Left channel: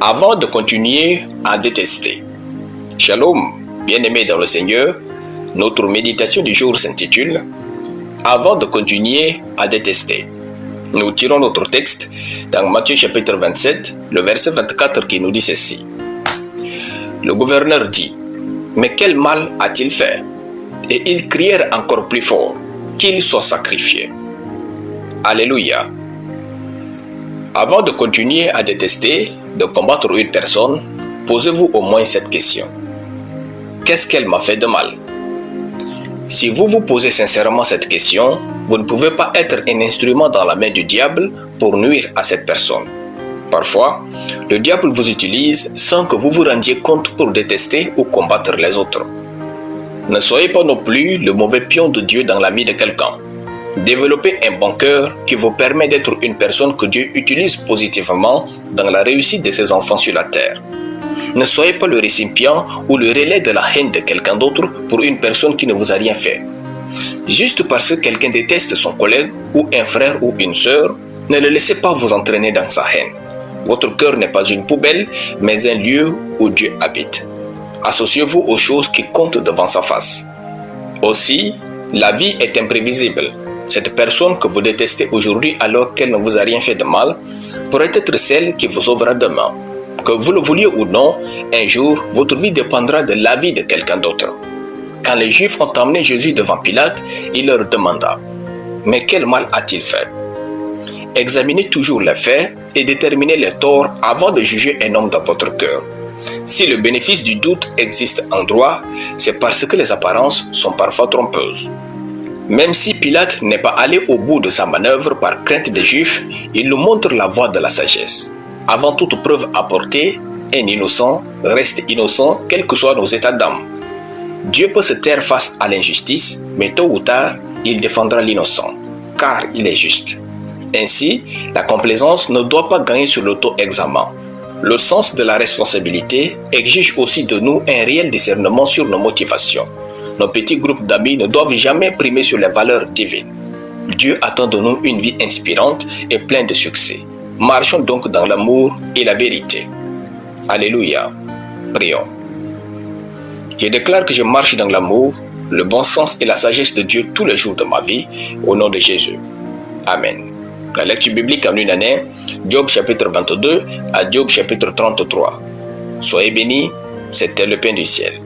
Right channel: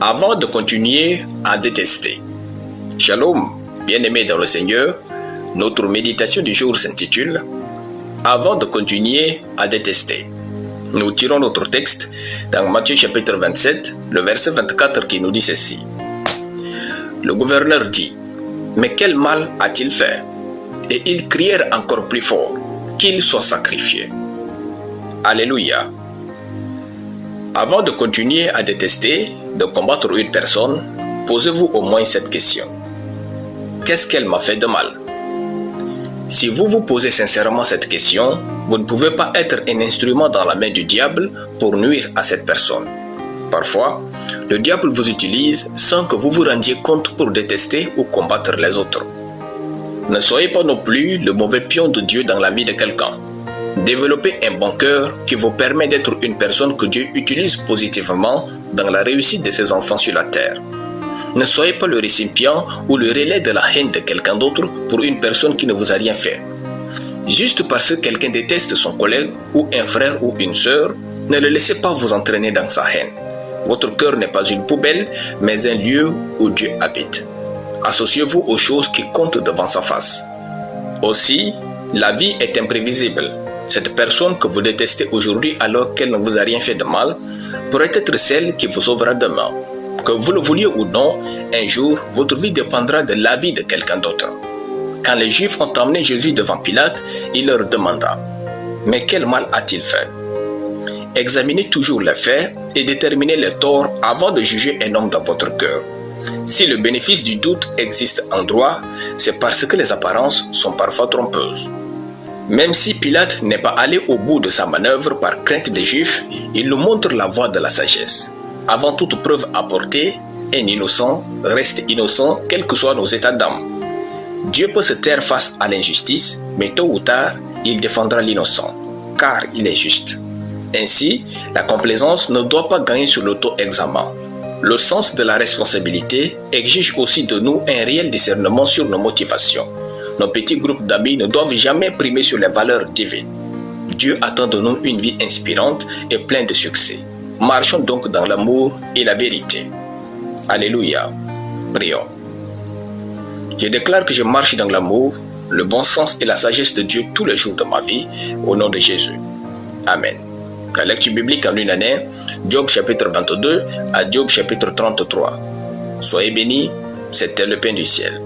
avant de continuer à détester. Shalom, bien-aimés dans le Seigneur, notre méditation du jour s'intitule « Avant de continuer à détester ». Nous tirons notre texte dans Matthieu chapitre 27, le verset 24 qui nous dit ceci. Le gouverneur dit « Mais quel mal a-t-il fait ?» Et ils crièrent encore plus fort « Qu'il soit sacrifié ». Alléluia. Avant de continuer à détester, de combattre une personne, posez-vous au moins cette question. Qu'est-ce qu'elle m'a fait de mal? Si vous vous posez sincèrement cette question, vous ne pouvez pas être un instrument dans la main du diable pour nuire à cette personne. Parfois, le diable vous utilise sans que vous vous rendiez compte pour détester ou combattre les autres. Ne soyez pas non plus le mauvais pion de Dieu dans la vie de quelqu'un. Développez un bon cœur qui vous permet d'être une personne que Dieu utilise positivement dans la réussite de ses enfants sur la terre. Ne soyez pas le récipient ou le relais de la haine de quelqu'un d'autre pour une personne qui ne vous a rien fait. Juste parce que quelqu'un déteste son collègue ou un frère ou une sœur, ne le laissez pas vous entraîner dans sa haine. Votre cœur n'est pas une poubelle, mais un lieu où Dieu habite. Associez-vous aux choses qui comptent devant sa face. Aussi, la vie est imprévisible. Cette personne que vous détestez aujourd'hui alors qu'elle ne vous a rien fait de mal, pourrait être celle qui vous sauvera demain. Que vous le vouliez ou non, un jour, votre vie dépendra de la vie de quelqu'un d'autre. Quand les Juifs ont emmené Jésus devant Pilate, il leur demanda « Mais quel mal a-t-il fait ?» Examinez toujours les faits et déterminez les torts avant de juger un homme dans votre cœur. Si le bénéfice du doute existe en droit, c'est parce que les apparences sont parfois trompeuses. Même si Pilate n'est pas allé au bout de sa manœuvre par crainte des Juifs, il nous montre la voie de la sagesse. Avant toute preuve apportée, un innocent reste innocent quels que soient nos états d'âme. Dieu peut se taire face à l'injustice, mais tôt ou tard, il défendra l'innocent, car il est juste. Ainsi, la complaisance ne doit pas gagner sur l'auto-examen. Le sens de la responsabilité exige aussi de nous un réel discernement sur nos motivations. Nos petits groupes d'amis ne doivent jamais primer sur les valeurs divines. Dieu attend de nous une vie inspirante et pleine de succès. Marchons donc dans l'amour et la vérité. Alléluia. Prions. Je déclare que je marche dans l'amour, le bon sens et la sagesse de Dieu tous les jours de ma vie, au nom de Jésus. Amen. La lecture biblique en une année, Job chapitre 22 à Job chapitre 33. Soyez bénis, c'était le pain du ciel.